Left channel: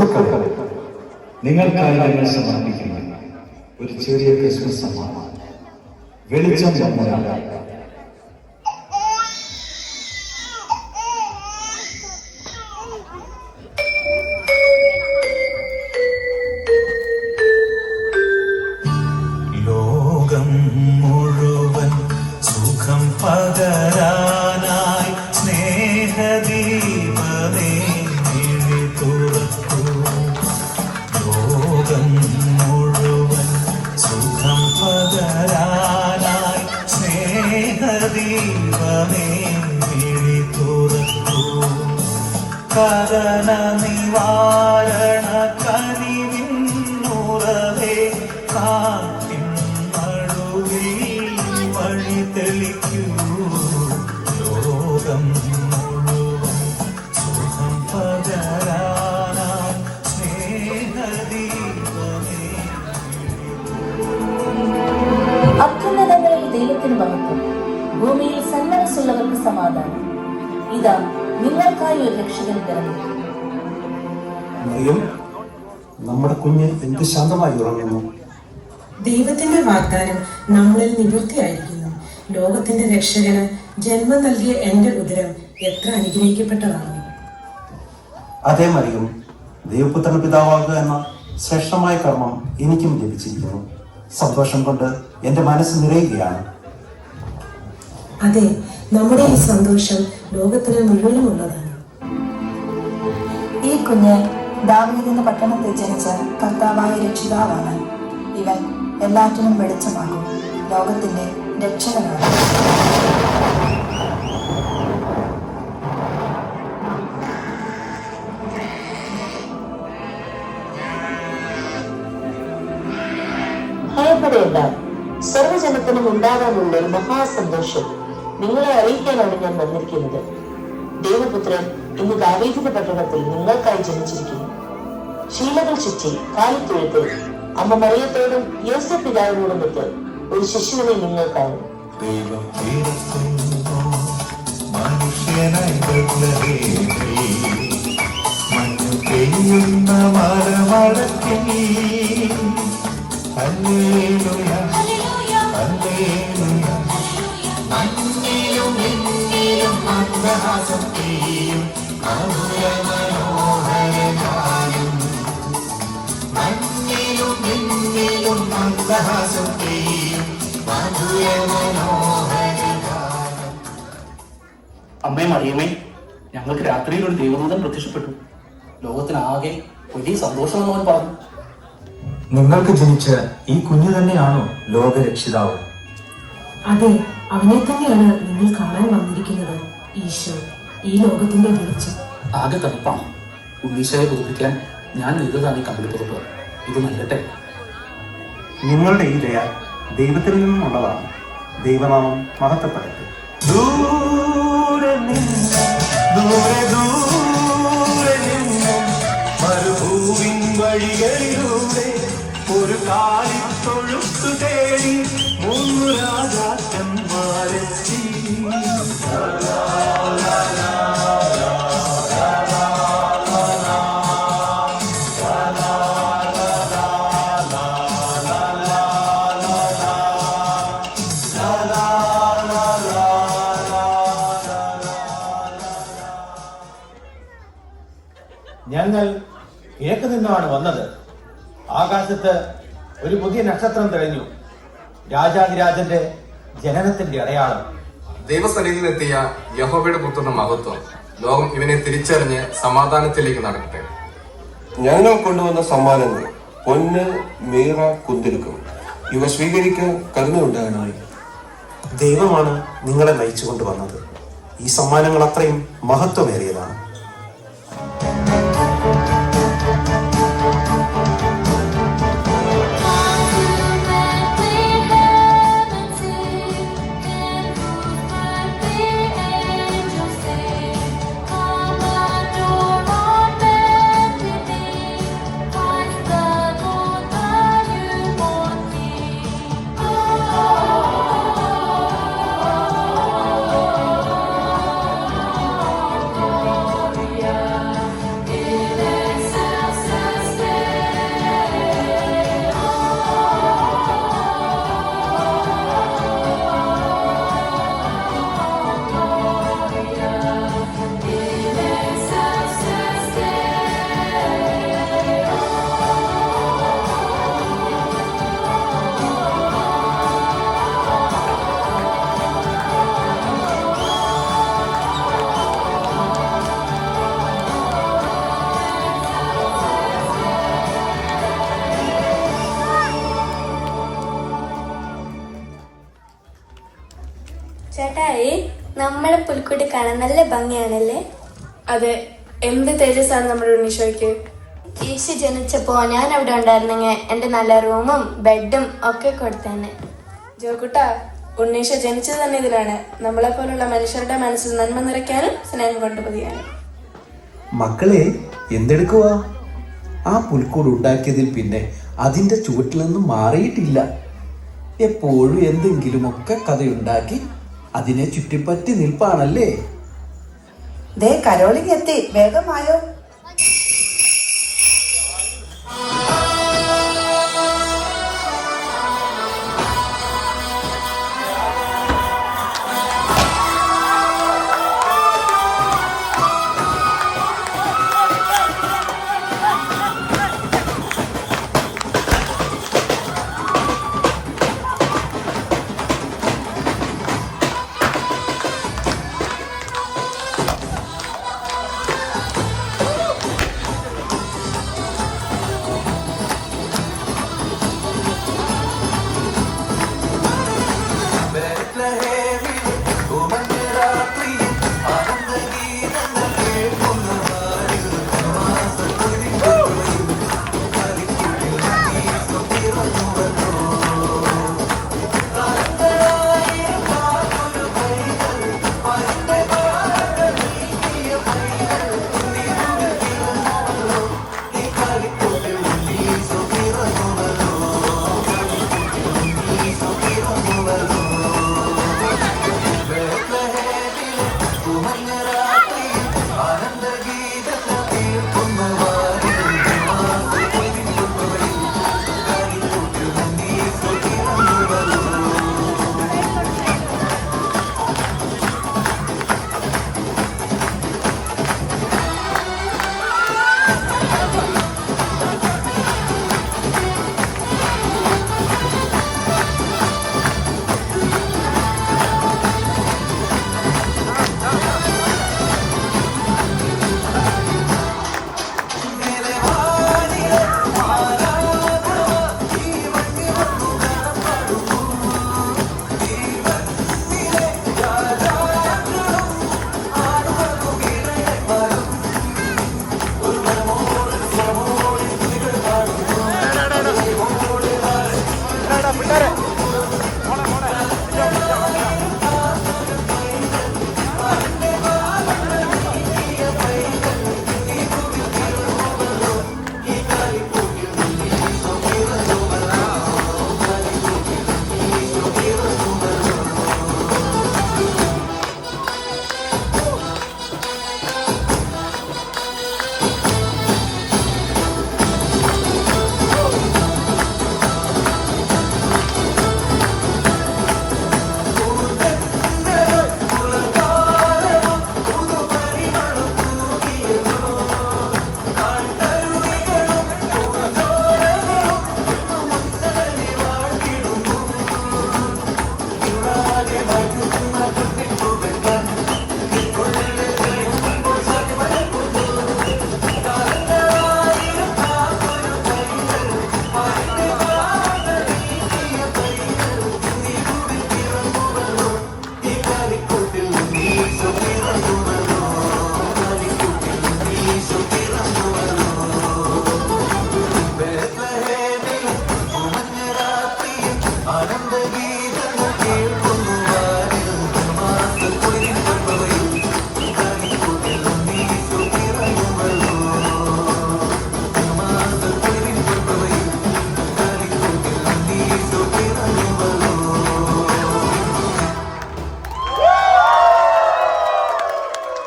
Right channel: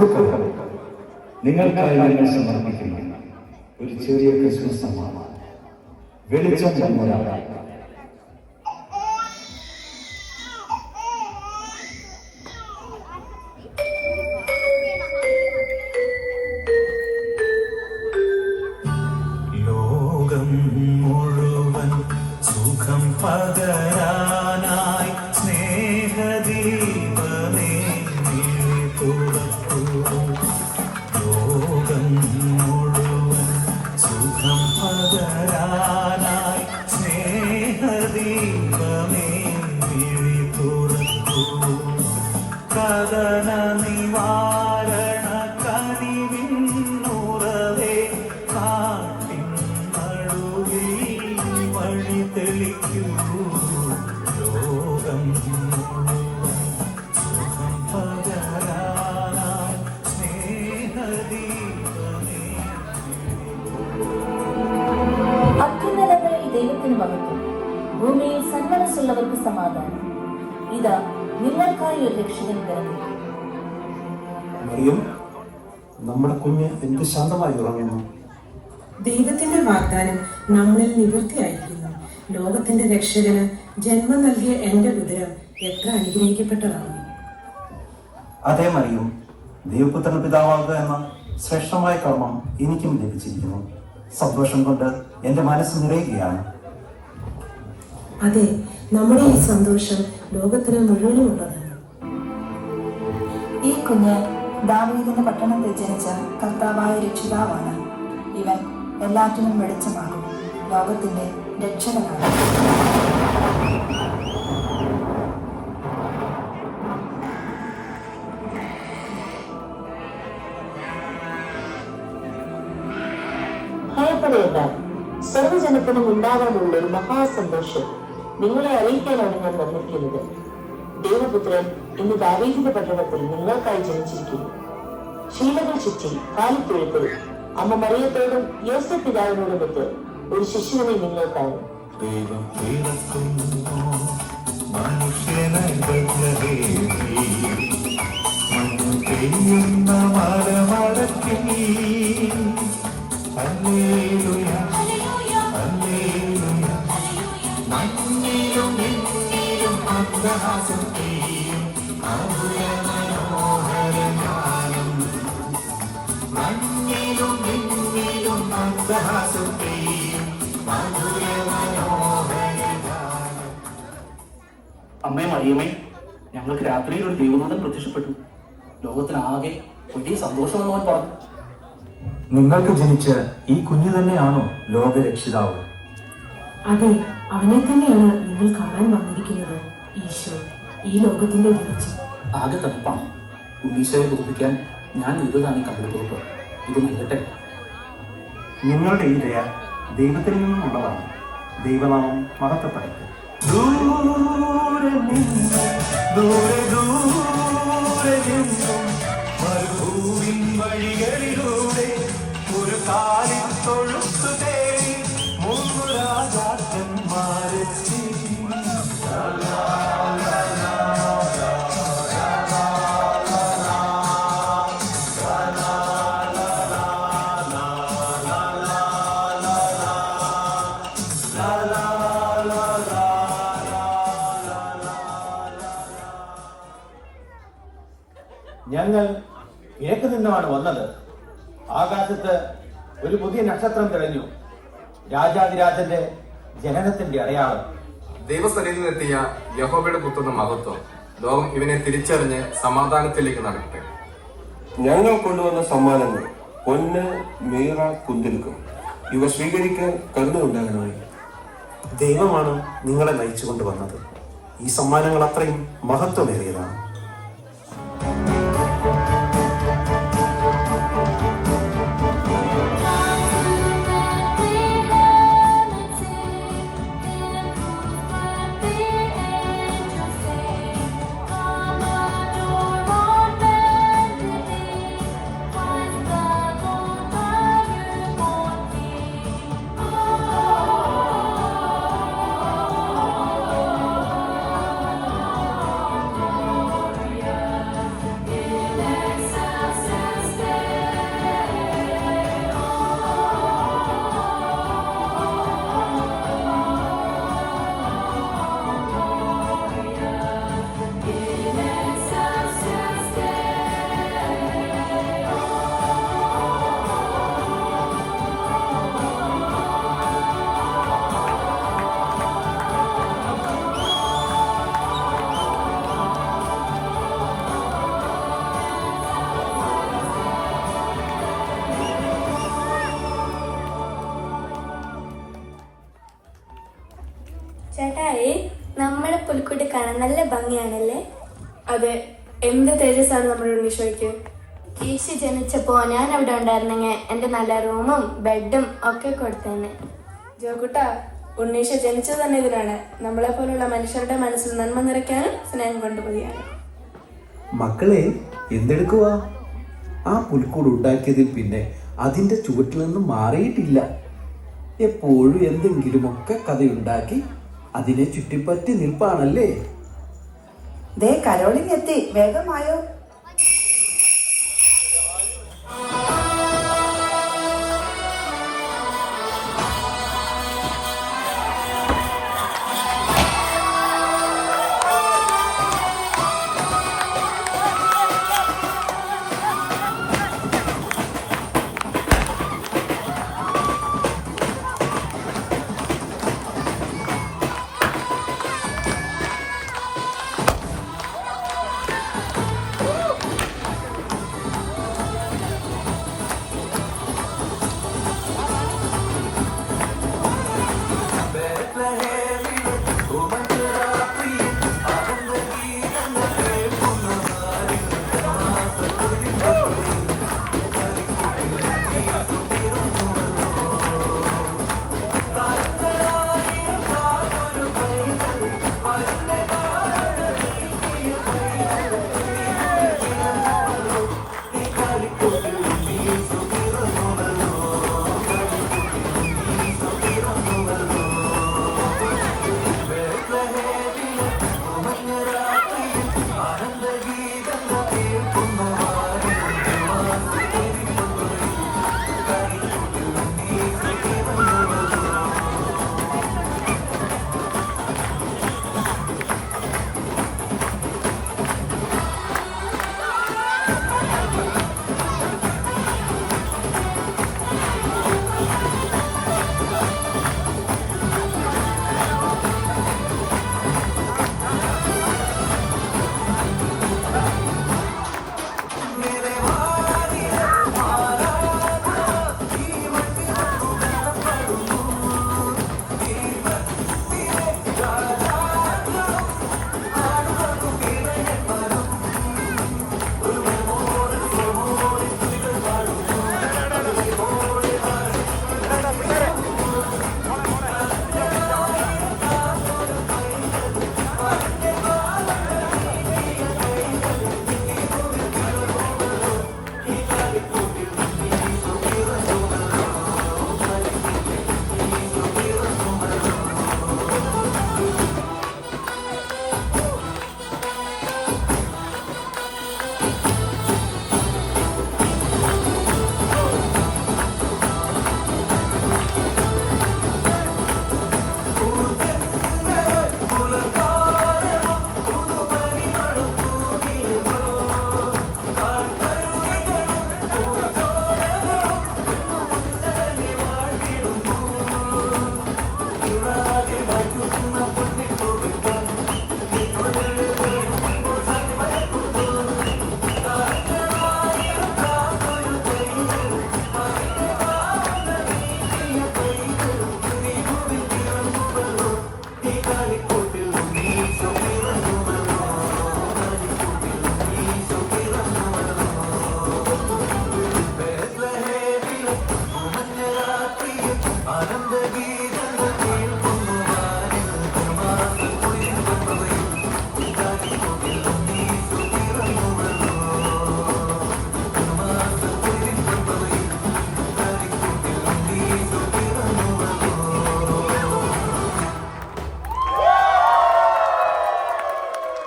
സുഹൃത്തുക്കളെ, നിങ്ങൾക്കായി ഞങ്ങൾ സമർപ്പിക്കുന്ന ഒരു ചെറിയ ക്രിസ്മസ് സമ്മാനം വെളിച്ചം ചമ്മലാണ്. കഥന നിവാരണ കനിവിന്നുറവേ കാട്ടിൻ നടുവിൽ വഴി തെളിക്കൂ. ലോകം സുഖം പകരാനായി സ്നേഹദീപമേ. അത്യുന്നതങ്ങളിൽ ദൈവത്തിന് മഹത്വം, ഭൂമിയിൽ സന്മനസ്സുള്ളവർക്ക് സമാധാനം. ഇതാ നിങ്ങൾക്കായി ഒരു രക്ഷകൻ പിറന്നു. നമ്മുടെ കുഞ്ഞ് എന്ത് ശാന്തമായി ഉറങ്ങുന്നു. ദൈവത്തിന്റെ വാഗ്ദാനം നമ്മളിൽ നിവൃത്തിയായിരിക്കുന്നു. ലോകത്തിന്റെ രക്ഷകന് ജന്മം നൽകിയ എന്റെ ഉദരം എത്ര അനുഗ്രഹിക്കപ്പെട്ടതാണ്. അതേ മറിയും, ദൈവപുത്രൻ പിതാവാകുക എന്ന ശ്രേഷ്ഠമായ കർമ്മം എനിക്കും ലഭിച്ചിരിക്കുന്നു. സന്തോഷം കൊണ്ട് എന്റെ മനസ്സ് നിറയുകയാണ്. അതെ, നമ്മുടെ ഈ സന്തോഷം ലോകത്തിന് മുഴുവനുമുള്ളതാണ്. ഈ കുഞ്ഞ് ദാവീദിന്റെ പട്ടണത്തിൽ ജനിച്ച കർത്താവായ രക്ഷിതാവാണ്. ഇവൻ എല്ലാറ്റിനും വെളിച്ചമാകും, ലോകത്തിന്റെ രക്ഷകനാണ്. ഭയപ്പെടേണ്ട, സർവ്വജനത്തിനും ഉണ്ടാകാനുള്ള ഒരു മഹാസന്തോഷം നിങ്ങളെ അറിയിക്കാനാണ് ഞാൻ വന്നിരിക്കുന്നത്. ദൈവപുത്രൻ ഇന്ന് ദാവീദിന്റെ പട്ടണത്തിൽ നിങ്ങൾക്കായി ജനിച്ചിരിക്കുന്നു. ശീലകൾ ചുറ്റി കാലിത്തൊഴുത്തിൽ അമ്മ മറിയത്തോടും യോസേഫ് പിതാവിനോടുമൊത്ത് ഒരു ശിശുവിനെ നിങ്ങൾക്കാണ്. അമ്മേ മറിയമേ, ഞങ്ങൾക്ക് രാത്രിയിൽ ഒരു ദൈവദൂതൻ പ്രത്യക്ഷപ്പെട്ടു. ലോകത്തിനാകെ വലിയ സന്തോഷമെന്ന് പറഞ്ഞു. നിങ്ങൾക്ക് ജനിച്ച ഈ കുഞ്ഞു തന്നെയാണോ ലോകരക്ഷിതാവ്? അതെ, അവനെ തന്നെയാണ് നിങ്ങൾ കാണാൻ വന്നിരിക്കുന്നത്. ഈശോ, ഈ ലോകത്തിന്റെ വെളിച്ചം. ആകെ തണുപ്പാണ്. ഉണ്ണീശോയെ ബോധിപ്പിക്കാൻ ഞാൻ ഇതാണ് കണ്ടുപിടിച്ചത്. ഇത് നീളട്ടെ. നിങ്ങളുടെ ഈ ദയ ദൈവത്തിൽ നിന്നുള്ളതാണ്. ദൈവനാമം മഹത്വപ്പെടട്ടെ. ദൂരെ നിന്ന് മരുഭൂവിൻ വഴികളിലൂടെ ഒരു കാലിത്തൊഴുത്തു തേടി 3 രാജാക്കന്മാരെത്തി. ഞങ്ങൾ കിഴക്ക് നിന്നാണ് വന്നത്. ആകാശത്ത് ഒരു പുതിയ നക്ഷത്രം തെളിഞ്ഞു. രാജാതിരാജന്റെ ജനനത്തിന്റെ അടയാളം. ദൈവസന്നിധിയിലെത്തിയ യഹോവയുടെ പുത്രന്റെ മഹത്വം. ലോകം ഇവനെ തിരിച്ചറിഞ്ഞ് സമാധാനത്തിലേക്ക് നടക്കട്ടെ. ഞങ്ങൾ കൊണ്ടുവന്ന സമ്മാനങ്ങൾ പൊന്ന്, മീറ, കുന്തിരുക്കം ഇവ സ്വീകരിക്കാൻ കരുണയുണ്ടാകണമേ. ദൈവമാണ് നിങ്ങളെ നയിച്ചു കൊണ്ടുവന്നത്. ഈ സമ്മാനങ്ങൾ അത്രയും മഹത്വമേറിയതാണ്. നമ്മുടെ പുൽക്കൂട്ടി കാണാൻ നല്ല ഭംഗിയാണല്ലേ? അതെ, എന്ത് തേജസ്സാണ് നമ്മുടെ ഉണ്ണീശോയ്ക്ക്. ഈശോ ജനിച്ചപ്പോ ഞാൻ അവിടെ ഉണ്ടായിരുന്നെങ്കിൽ എന്റെ നല്ല റൂമും ബെഡും ഒക്കെ കൊടുത്തന്നെ. ജോക്കുട്ടാ, ഉണ്ണീശോ ജനിച്ചത് തന്നെ ഇതിനാണ്, നമ്മളെ പോലുള്ള മനുഷ്യരുടെ മനസ്സിൽ നന്മ നിറയ്ക്കാനും സ്നേഹം കൊണ്ട് പതിയാനും. മക്കളെ എന്തെടുക്കുവാ? ആ പുൽക്കൂട് ഉണ്ടാക്കിയതിൽ പിന്നെ അതിൻ്റെ ചുവട്ടിൽ നിന്നും മാറിയിട്ടില്ല. എപ്പോഴും എന്തെങ്കിലുമൊക്കെ കഥയുണ്ടാക്കി അതിനെ ചുറ്റിപ്പറ്റി നിൽപ്പാണല്ലേ? ദേ കരോളിങ് എത്തി, വേഗമായോ.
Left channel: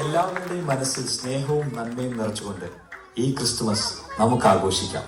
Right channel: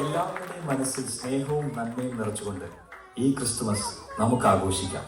എല്ലാവരുടെയും മനസ്സിൽ സ്നേഹവും നന്മയും നിറച്ചുകൊണ്ട് ഈ ക്രിസ്തുമസ് നമുക്ക് ആഘോഷിക്കാം.